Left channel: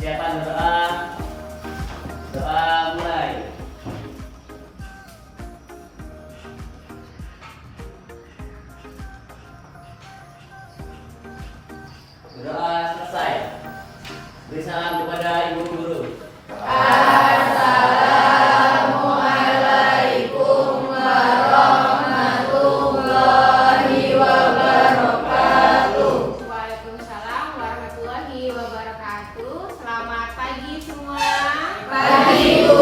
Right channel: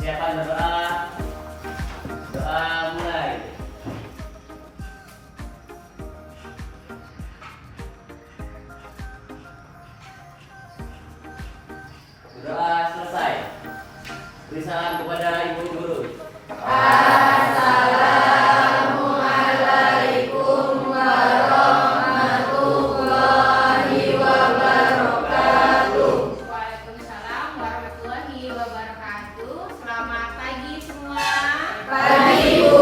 Persiapan berdoa. Doa mulai. Berdoa selesai. Beri salam kepada ibu guru. Assalamualaikum warahmatullahi wabarakatuh. Waalaikumsalam warahmatullahi wabarakatuh. Selamat pagi semua. Pagi, Bu.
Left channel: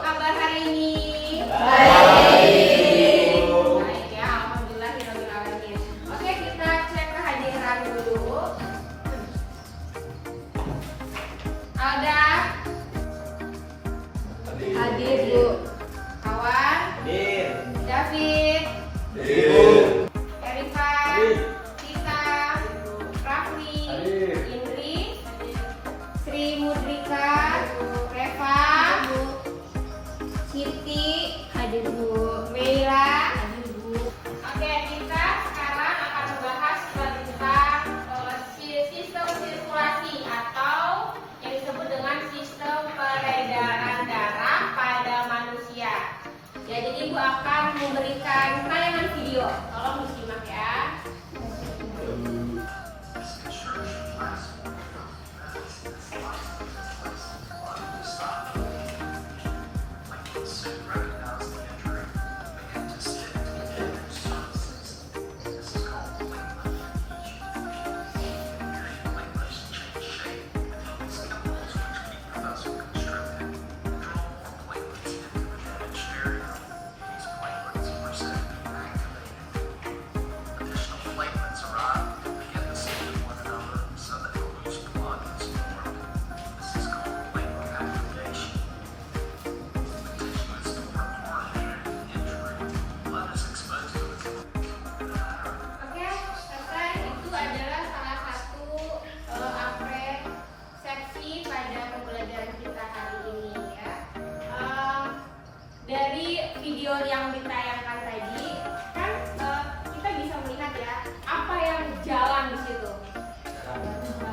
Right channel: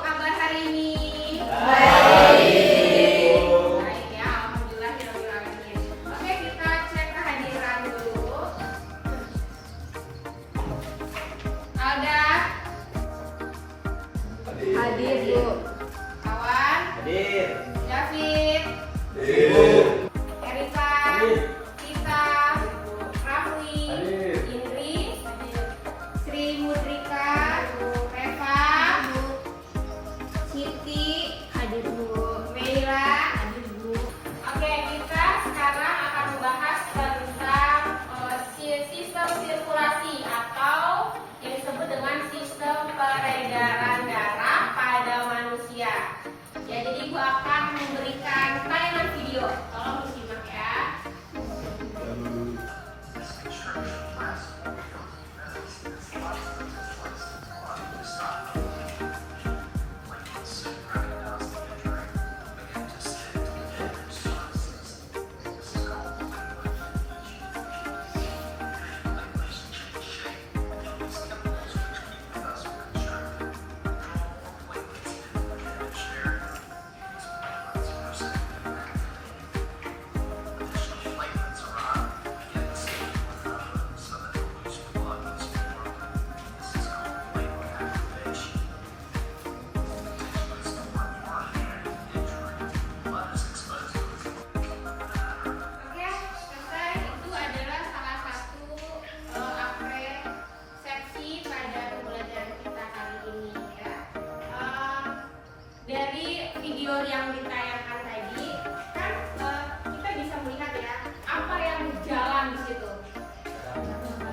Apa kabar hari ini? Baik. Baik ya, alhamdulillahirobbilalamin. Oke, kita cek kehadiran dulu. Alda, Hadir, Bu. Kawan, Hadir. David, Hadir. Erika, Hadir. Tita, Rafli, Hadir. Indri, Sri Mudrika, Reva, Siti, hadir Bu, Meira, hadir Bu. Oke, kita sekarang akan membahas tentang sistem sirkulasi atau yang disebut dengan sistem peredaran darah pada manusia. Ya, jadi Ibu akan memberikan tayangan video. Tolong disimak ya. Oke, selesai. Itu adalah salah satu apresiasi pada pembelajaran kita kali ini ya. Dari video yang ditayangkan tadi kan kita bisa melihat ya apa yang jalan di situ.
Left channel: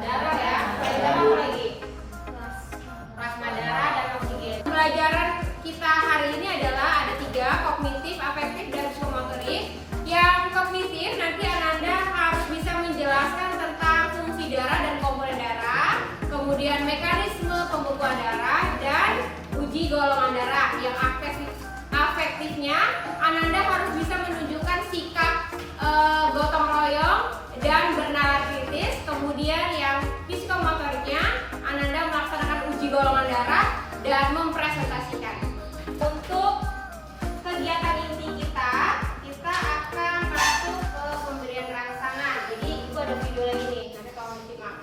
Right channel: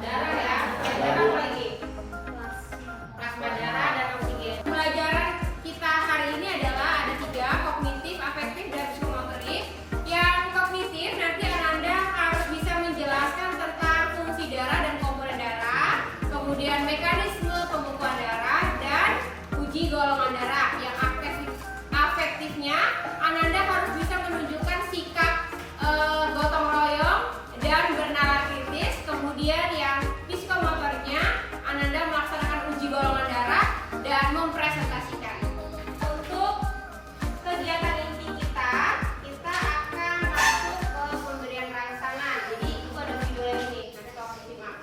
Darah ya, darah apa lagi? Plasma darah dan oksigen. Pelajaran kita hari ini adalah ada 3, kognitif, afektif, dan psikomotorik. Yang kognitif nanti Ananda harus bisa menjelaskan tentang fungsi darah dan komponen darah, kemudian mekanisme pembekuan darah dan uji golongan darah. Yang afektifnya Ananda harus bisa menunjukkan sikap gotong royong dan bernalar kritis. Kemudian yang psikomotoriknya Ananda melaksanakan uji golongan darah dan mempresentasikan. Untuk kegiatan inti kita akan masuk ke pemberian rangsangan. Jadi itu ada video lagi nih, nanti tolong disimak.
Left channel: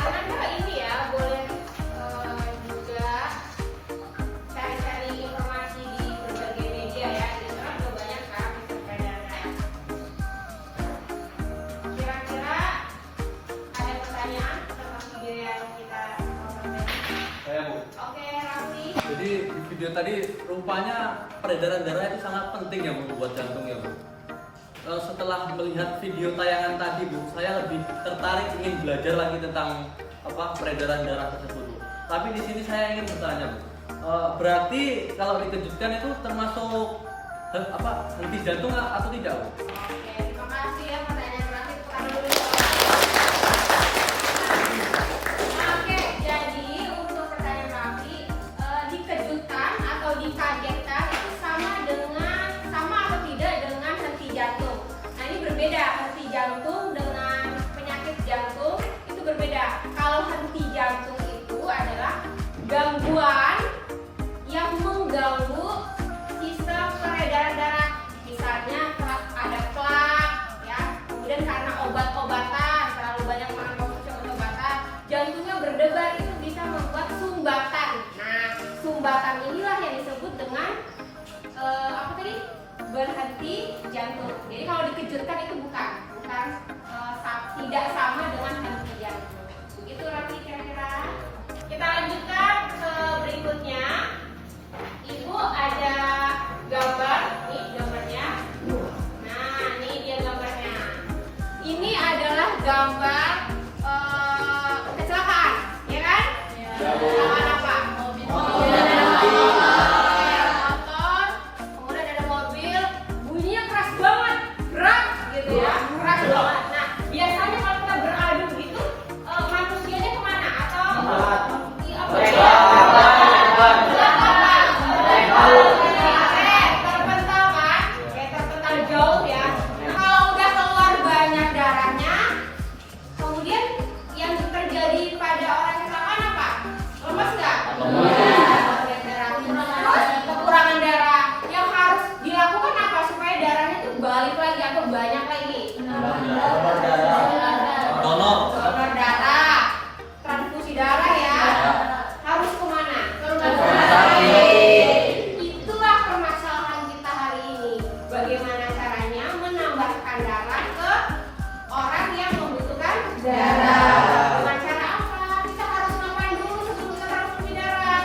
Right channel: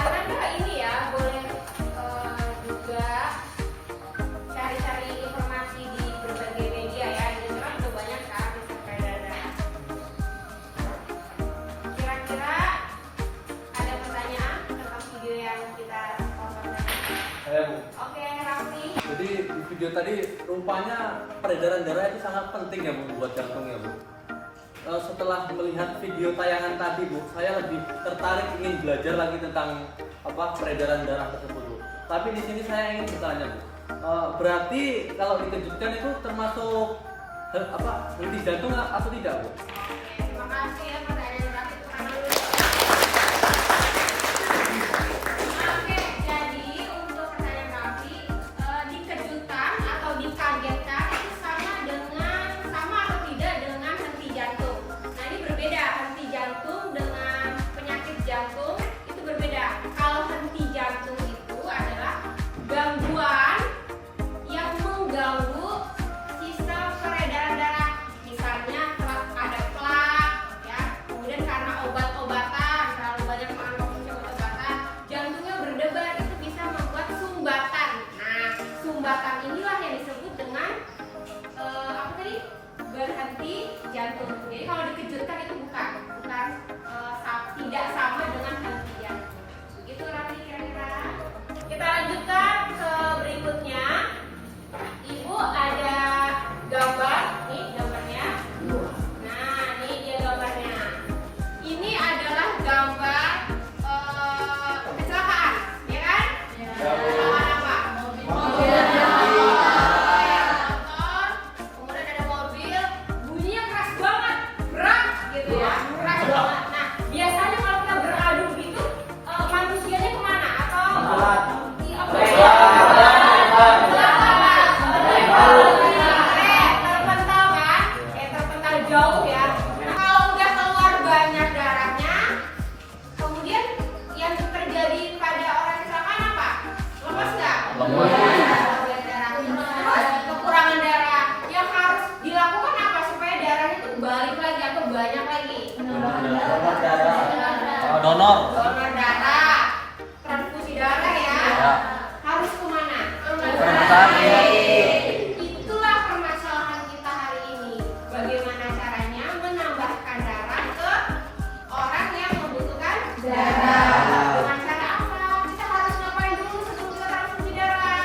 Ananda ini ya boleh juga cari-cari informasi di berbagai media ya. Di internet juga banyak kan sistem peredaran darah. Kira-kira ada pertanyaan tentang video yang kita tonton tadi? Saya, Bu. Oke, Rafli. Jadi di video tadi rupanya peredaran darah itu sangat penting ya Bu buat jantung ya Bu. Setelah melihat video tayangan tadi Bu, saya lebih tertarik ingin belajar lagi tentang peredaran darah tersebut Bu. Tapi di sini saya ingin bertanya Bu, berarti kalau dikejutkan itu termasuk henti jantung atau tidak Bu? Oke, terima kasih ya pertanyaan Rafli. Oke, jadi untuk pertanyaan Rafli, dikejutkan atau dikagetkan itu sama atau tidak dengan henti jantung. Nah ini berbeda, henti jantung dengan penyakit jantung itu berbeda. Kalau henti jantung itu adalah gangguan yang mengganggu sumbatan inilah yang disebut dengan apa tadi? Berhenti jantung. Jadi kalau dikejutkan itu bukan tidak sama dengan henti jantung. Begitu Raffi kira-kira. Kita lanjutkan ke berikutnya. Ibu ada gambar, nih gambarnya. Nah, ini dia gambarnya. Ini adalah gambar kecelakaan, ya kan? Kecelakaan apa? Motor, kemudian ada mobil, bunyinya keras banget, berat gitu ya, keras banget. Nah, biasanya kalau kita beradu gitu, manusianya kemana? Atau terpental kan? Terpental jauh ya. Nah, kalau udah keluar banyak darahnya, kemudian yang terjadi pada orang kecelakaan apa? Lemas nggak? Terus kekurangan darah. Yang harus dilakukan apa supaya darahnya itu balik lagi atau banyak lagi? Donor darah, transfusi darah ya. Harus kemana? Itulah permasalahan kita hari ini. Bagaimana caranya menambahkan darah ke orang yang membutuhkan darah. Dengan cara apa? Kita harus ngapain dulu sebelum kita transfusi darah?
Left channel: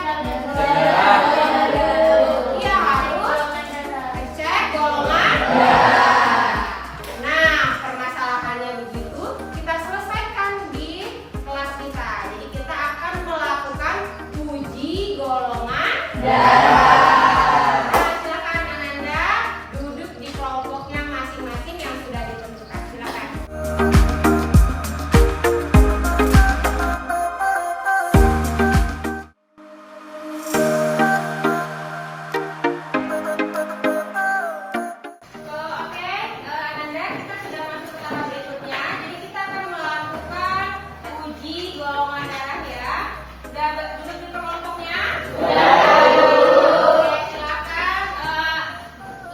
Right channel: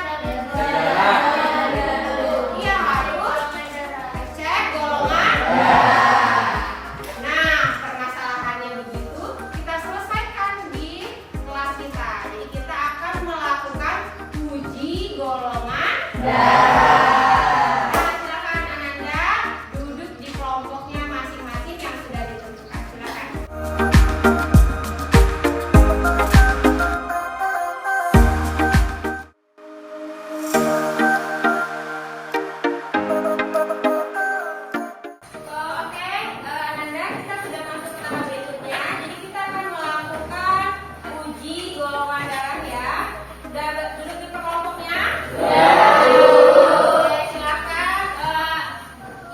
Iya, harus cek golongan darah. Nah, permasalahannya begitu, kita selesaikan di kelas kita. Jadi kita akan melakukan uji golongan darah. Nah, silakan Ananda duduk di kelompoknya masing-masing yang sudah ditentukan. Silakan. Oke, Ananda, kita sudah masuk ke tahap berikutnya. Jadi kita akan melakukan uji golongan darah ya. Sudah duduk di kelompoknya? Oke, silakan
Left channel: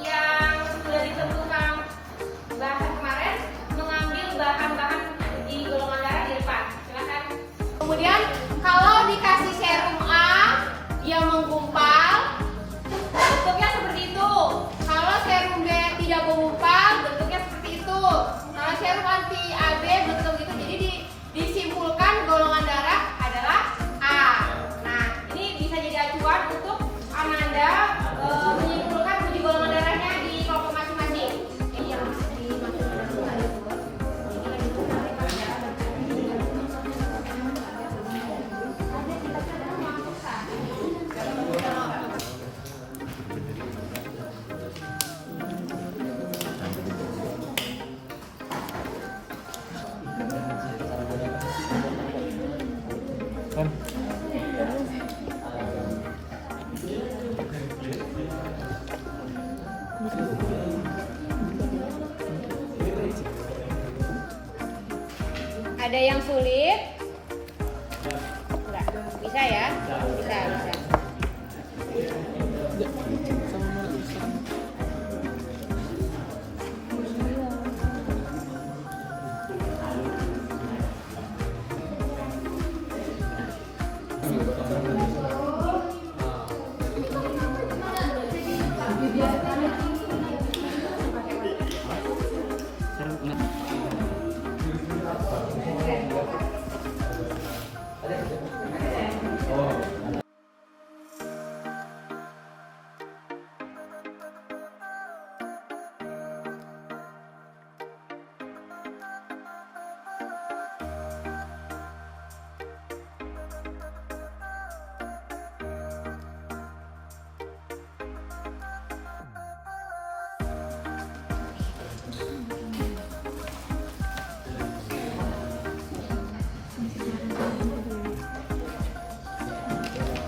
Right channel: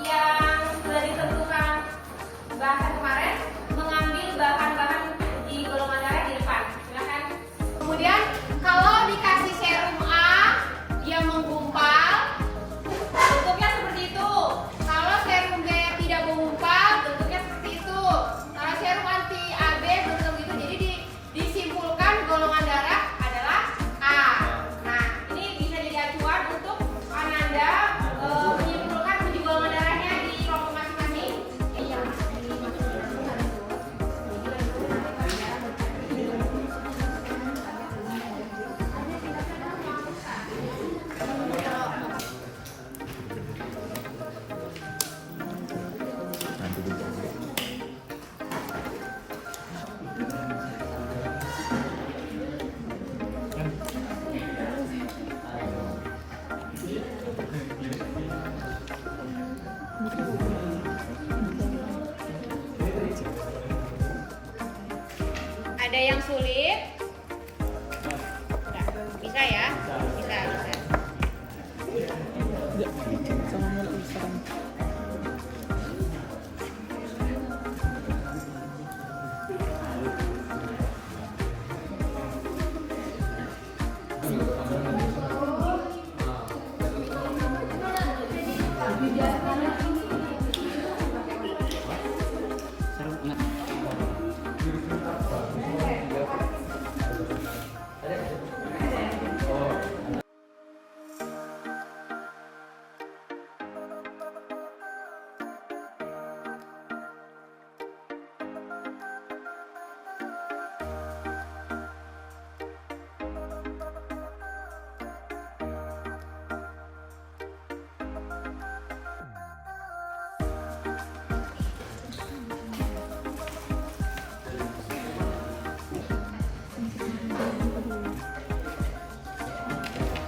yang sudah ditentukan bahasan kemarin mengambil bahan-bahan uji golongan darah di depan. Silakan. Kemudian kalau dikasih serum A, dia menggumpal, bentuknya seperti itu. Kalau serum B tidak menggumpal, bentuknya seperti itu. Kalau serum anti AB bentuk itu. Jadi disimpulkan golongan darah adalah A. Nah, ini bisa jadi acuan untuk Ananda menyimpulkan uji golongan darahnya di kelompok masing-masing. Ini yang dimaksud dengan bukan itu. Jadi lanjut nanti kalau kita ada ada yang sulit? Enggak. Bisa ya? Bisa.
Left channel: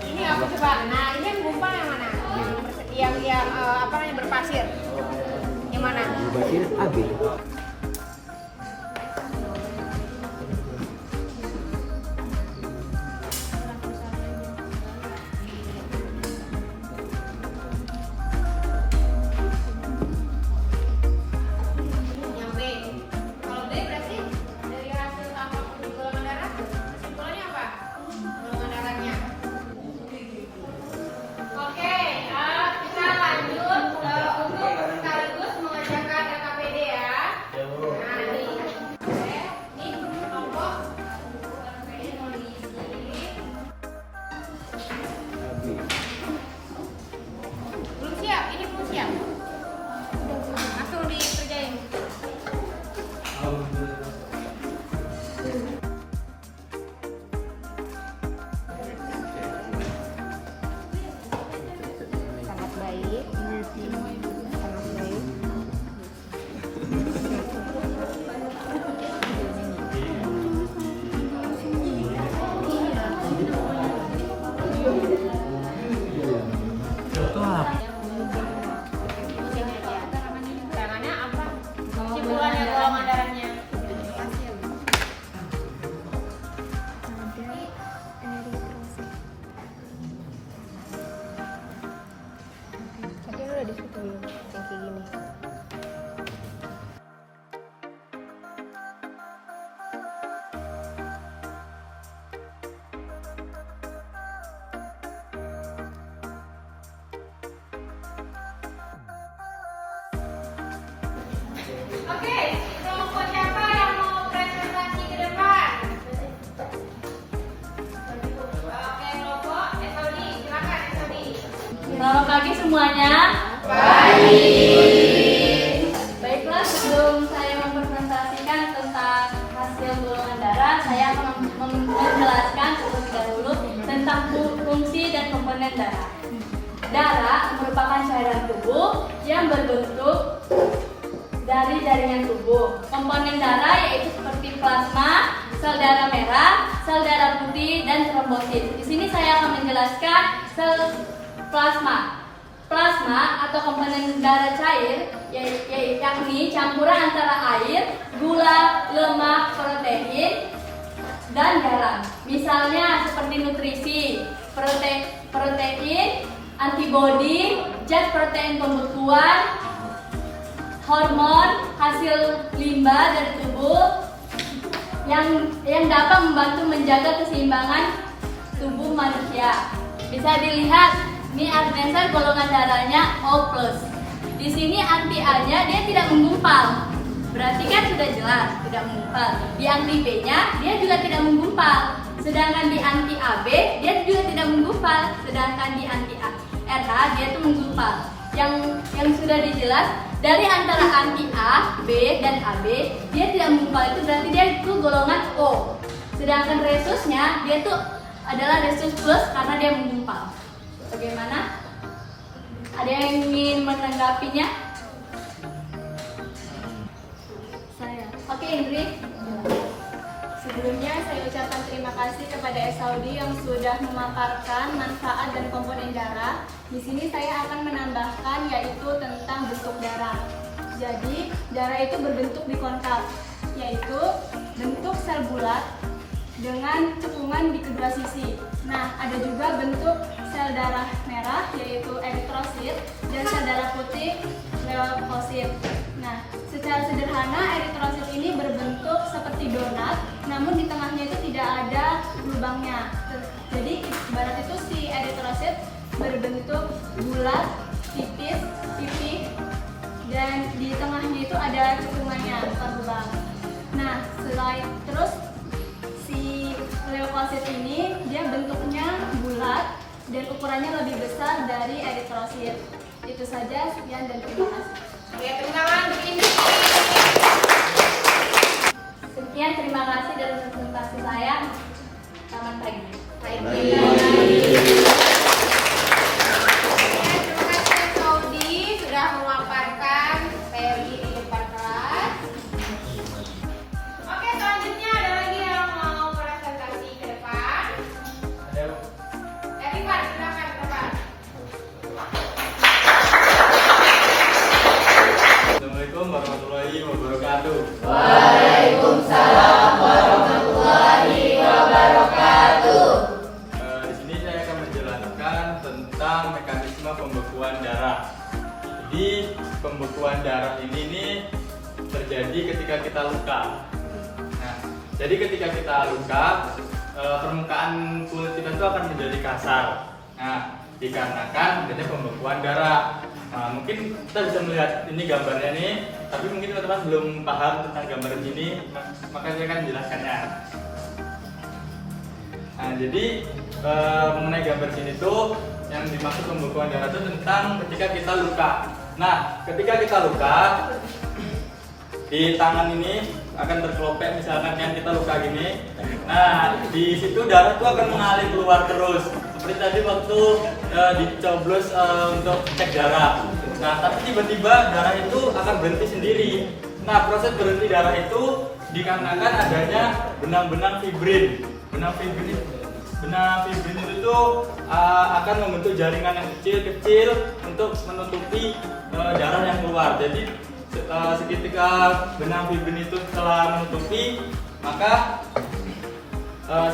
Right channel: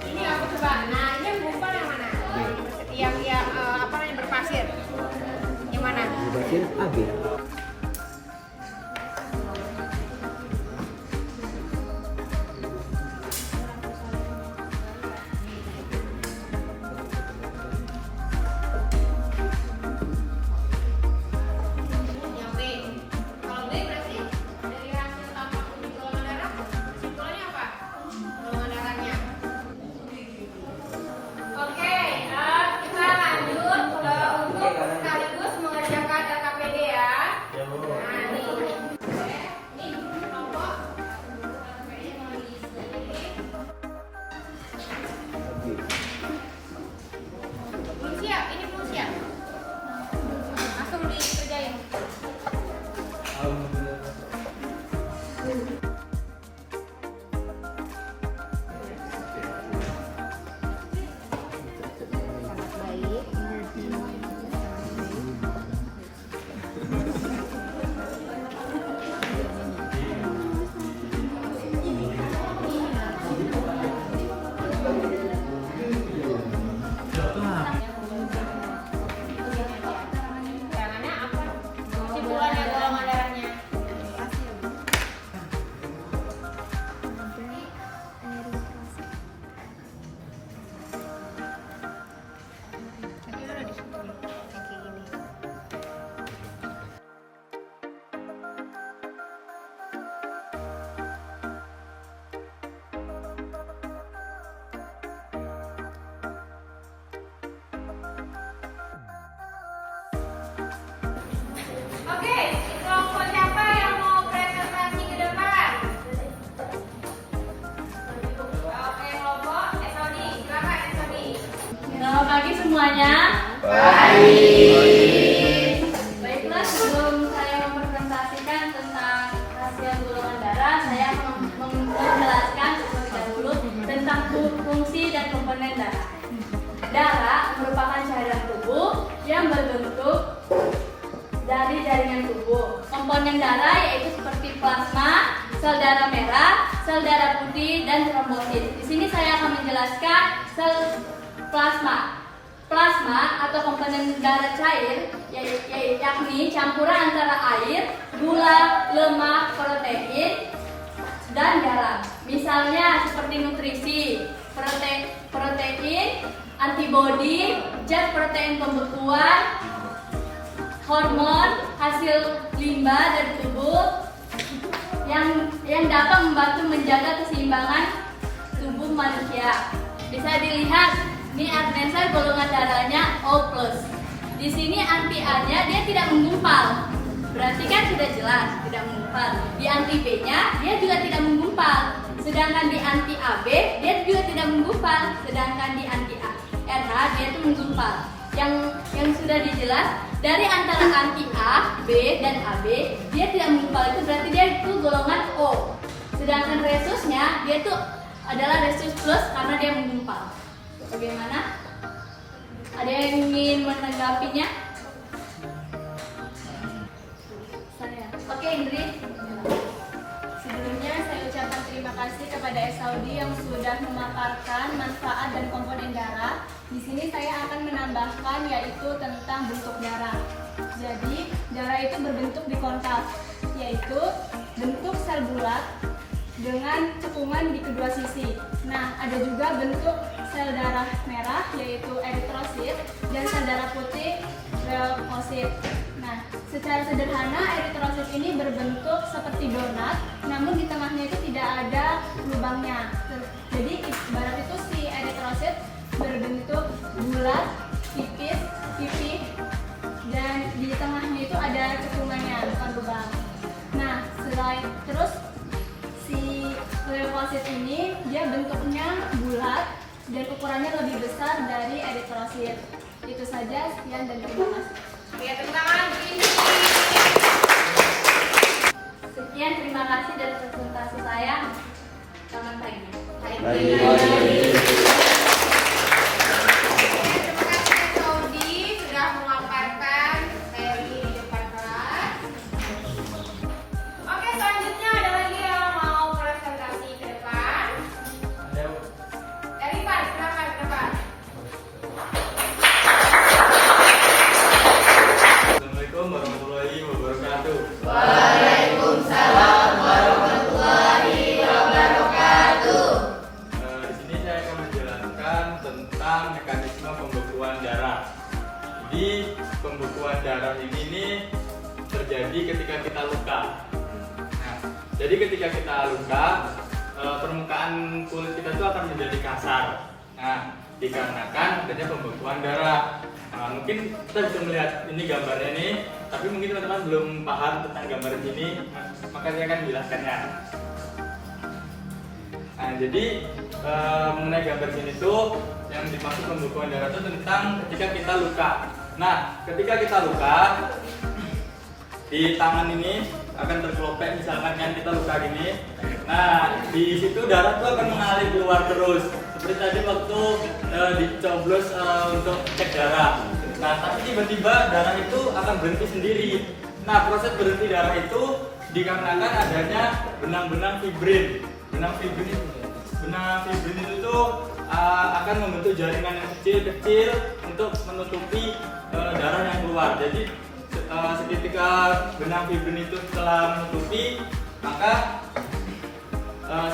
Ini apa coba? Nah, ini yang gumpal yang mana? Yang apa namanya berpasir? Yang mana? Pasir AB. Yang B. Kalau B berarti dari hasil tampak uji golongan darah, kesimpulannya apa? Golongan darahnya Tangannya apa? Kesimpulannya golongan darahnya. Oke, kelompok siapa yang mau presentasi ke depan? Oke, kelompok Esodi, silakan Esodi. Selamat pagi semuanya. Baiklah, sebelum saya mempresentasikan tentang hasil golongan darah, saya akan menjelaskan terlebih dahulu tentang fungsi dan komponen darah. Darah merupakan cairan tubuh yang berbentuk dari jaringan tubuh. Komponen darah yaitu seperti plasma, sel darah merah, sel darah putih, dan trombosit. Di sini saya akan menjelaskan sel plasma. Plasma atau komponen darah cair yakni campuran antara air, gula, lemak, protein, dan garam. Misalnya seperti nutrisi, protein, antibodi, zat protein pembekuan, hormon, hasil limbah dari tubuh yang dapat membantu menjaga keseimbangan tubuh manusia. Bisa dilihat, ini adnesa golongan darahnya O+. Di sini anti A-nya dia tidak menggumpal. Berarti kan sudah jelas tidak menggumpal. Di anti B-nya dia juga tidak menggumpal. Sedangkan di anti AB dia juga tidak menggumpal. Sedangkan di anti RH dia itu menggumpal. Yang sudah dijelas dari antara anti A, B, dan AB dia tidak menggumpal, itu berarti dia itu golongan O. Sedangkan resusnya dia itu adalah resus plus karena dia menggumpal. Bagaimana? Ada yang ingin menanggapinya? Saya. Oke, Indri. Sebelumnya saya ucapkan terima kasih kepada Esodi yang sudah memaparkan manfaat dan komponen darah. Di sini saya akan menambahkan yaitu tentang bentuk darah. Jadi, darah itu berbentuk bikonkav, yaitu bentuk sel bulat dengan cekungan di kedua sisi. Nah, ada juga bentuk sel darah merah yaitu eritrosit dan sel darah putih leukosit. Nah, secara sederhana eritrosit ini berbentuk seperti donat, namun di tengahnya itu tidak ada lubangnya. Jadi ibarat itu si eritrosit berbentuk bulat, tipis, pipih, dan di tengahnya itu ada cekungannya, bukan lubang. Nah, selain terus si leukosit ini dia bentuknya bulat dan ukurannya lebih besar dari eritrosit. Itu saja, sekian dan terima kasih. Ya, tepuk tangan begini. Sekian, terima kasih dari presentasi saya. Selamat pagi. Terima kasih Esodi sudah memaparkan teori di depan kelas. Oke, selanjutnya ada lagi yang mau presentasi ke depan. Dari Pak, silakan ke depan. Assalamualaikum warahmatullahi wabarakatuh. Waalaikumsalam warahmatullahi wabarakatuh. Di sini saya akan menjelaskan tentang mekanisme pembekuan darah. Jadi pembekuan darah ini terjadi ketika kita luka. Nah, jadi ketika kita luka, permukaan kulit kita itu akan menjadi kasar. Nah, dikarenakan adanya pembekuan darah. Nah, mungkin kita bisa melihat ini gambarnya nih, tapi mungkin teman-teman belum paham tentang gambar ini, maka saya akan menjelaskannya. Nah, jadi mengenai gambar sini tuh yang dimaksud pembekuan darah itu tentang ketika kita luka. Nah, ketika kita luka di tangan ini akan terkelopek, misalkan kan kita luka gini. Nah, di situ darah tuh akan mengalir keluar terus. Seperti tadi waktu dicoblos untuk cek darah. Nah, tapi tiba-tiba darah itu akan berhenti sendiri. Nah, proses berhenti darah itu dikarenakan adanya benang-benang fibrin. Benang fibrin itu tuh akan membentuk jaringan yang kecil-kecil untuk menutupi darah yang keluar. Jadi seketika benang fibrin itu telah menutupi, maka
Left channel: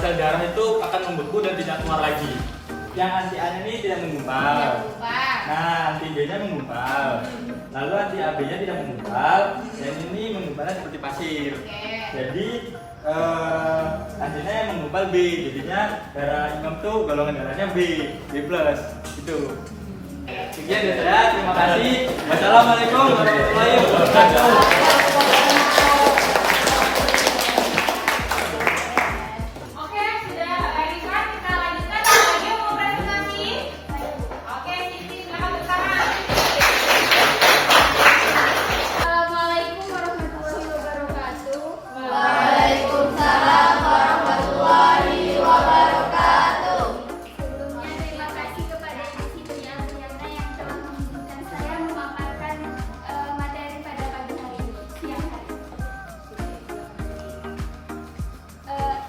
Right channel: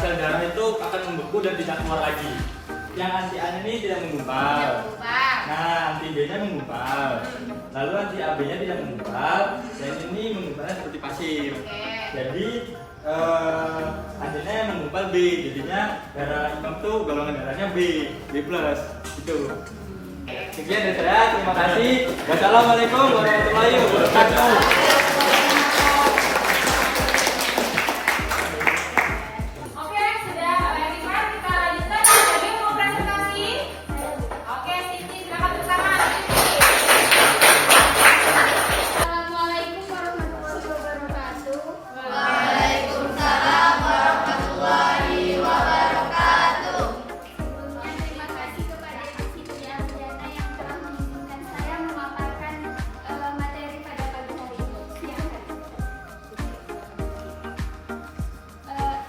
sel darah itu akan membeku dan tidak keluar lagi. Yang anti A ini tidak menggumpal. Nah, anti B-nya menggumpal. Lalu anti AB-nya tidak menggumpal. Yang ini menggumpalnya seperti pasir. Jadi hasilnya yang menggumpal B. Jadinya darah Imam itu golongan darahnya B plus. Itu. Sekian dari saya. Terima kasih. Wassalamualaikum warahmatullahi wabarakatuh. Oke, sudah Lisa, kita lanjutkan. Ada yang mau presentasi? Oke, Siti, silakan bersama. Assalamualaikum warahmatullahi wabarakatuh. Waalaikumsalam warahmatullahi wabarakatuh. Sebelumnya terima kasih kepada Ibu Priyanka yang telah mengizinkan saya memaparkan materi pada pagi hari ini. Siang hari.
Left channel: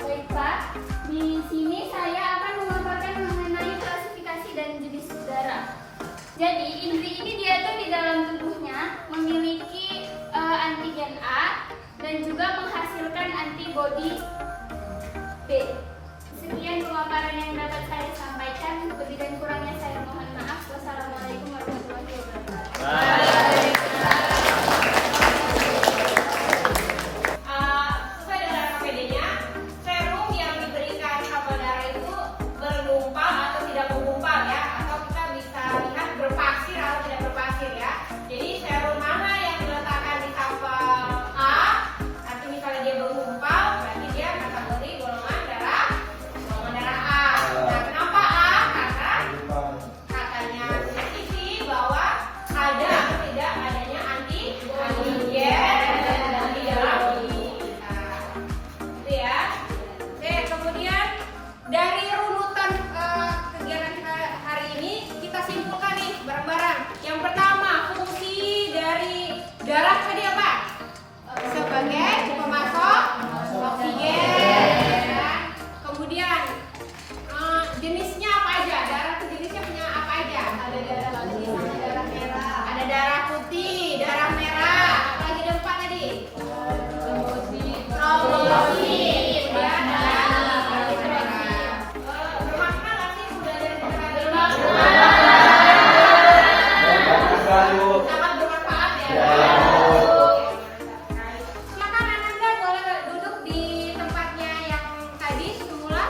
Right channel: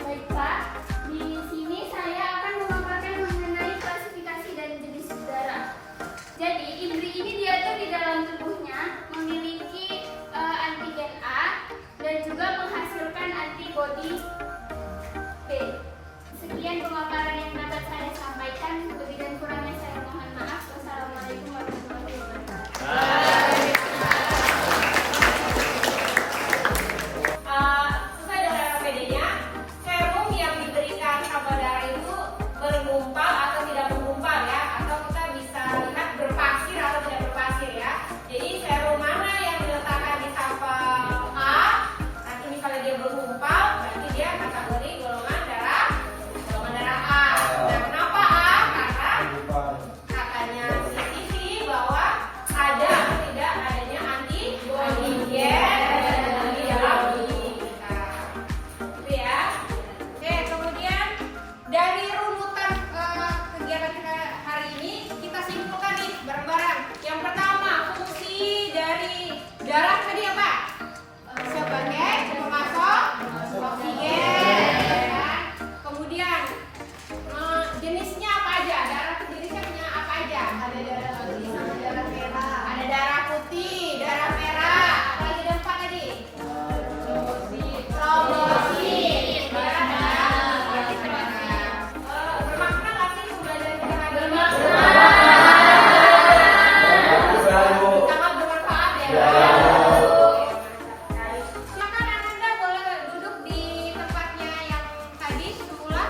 Baik Pak, di sini saya akan memaparkan mengenai klasifikasi dan jenis darah. Jadi indri ini diatur di dalam tubuhnya memiliki antigen A dan juga menghasilkan antibodi B. Sekian pemaparan yang dapat saya sampaikan. Lebih dan kurangnya saya mohon maaf. Wassalamualaikum warahmatullahi wabarakatuh. Sesuai dengan RPD-nya, serum yang diberikan sampel darah itu bergumpal atau tidak bergumpal ya, atau kita bisa lihat berpasir atau tidak berpasir ya. Jadi serum mana yang diletakkan di sampel A, nanti misalnya dia bergumpal, berarti dia kategori golongan darah A. Nah, kenapa A? Karena katanya CCTV bahwa ada atau tidak adanya antibody di dalam tubuh kita. Itu ya. Oke, kemudian dari runutan kegiatan kita hari ini kita simpulkan nih bareng-bareng. Yang pertama, fungsi dari darah tadi apa? Sebagai pemasok oksigen. Ya. Kemudian jenisnya apa aja? Darah itu jenisnya punya apa aja? Ada darah putih, darah merah. Ada darah putih, darah merah. Apalagi ada 4 tadi? Trombosit. Ya, bermakna nggak sih pembelajaran kita kali ini? Sangat bermanfaat ya. Silakan Ananda boleh duduk di tempatnya yang tadi semula.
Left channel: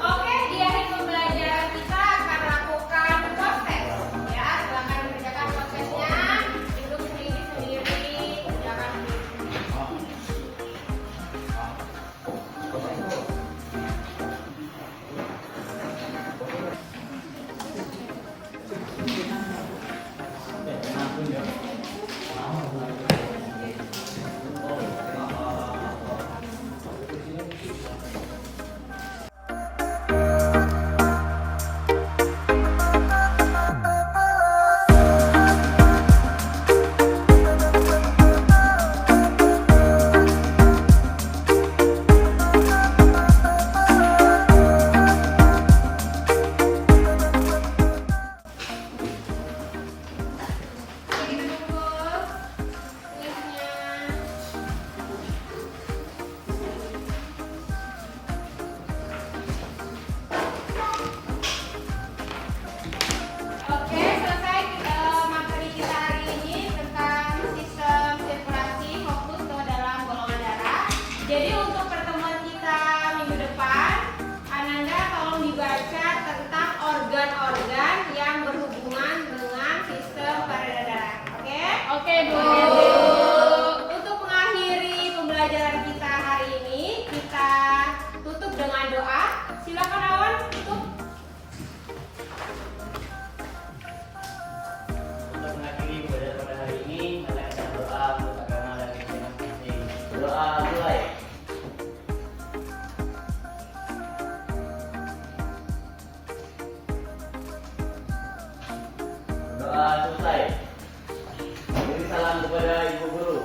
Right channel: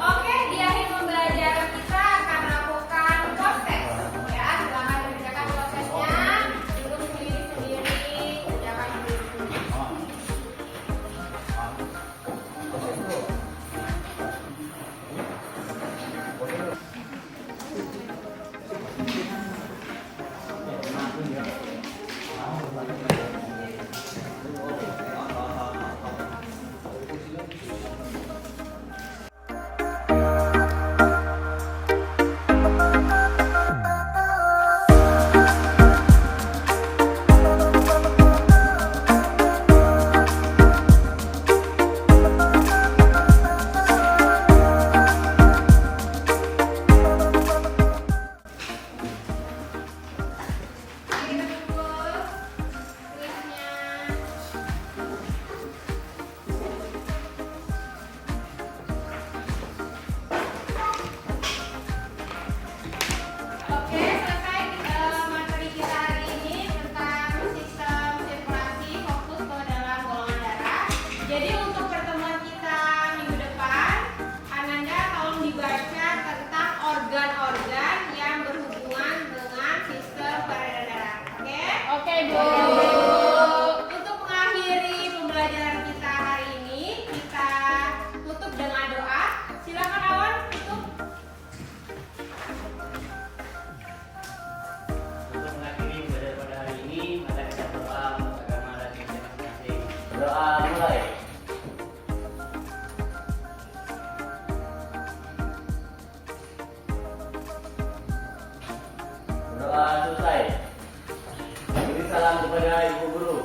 Oke, di akhir pembelajaran kita akan melakukan proses. Ya, silakan kerjakan prosesnya. Duduk sendiri-sendiri, kerjakan sendiri-sendiri. Oke, kita tunggu kuisnya. Oke, selesai materi kita hari ini tentang sistem sirkulasi fokus ke dalam golongan darah. Jadi untuk pertemuan kita minggu depan, Ananda tolong dibaca tentang organ-organ yang berhubungan dengan sistem peredaran darah. Oke? Oke Bu. Untuk mengakhiri pembelajaran kita hari ini, kita tutup dengan doa. Silakan Awan, tutup. Untuk mengakhiri pembelajaran pada hari ini, mari kita berdoa untuk agama dan negara masing-masing. Berdoa mulai. Doa selesai. Beri salam kepada ibu guru.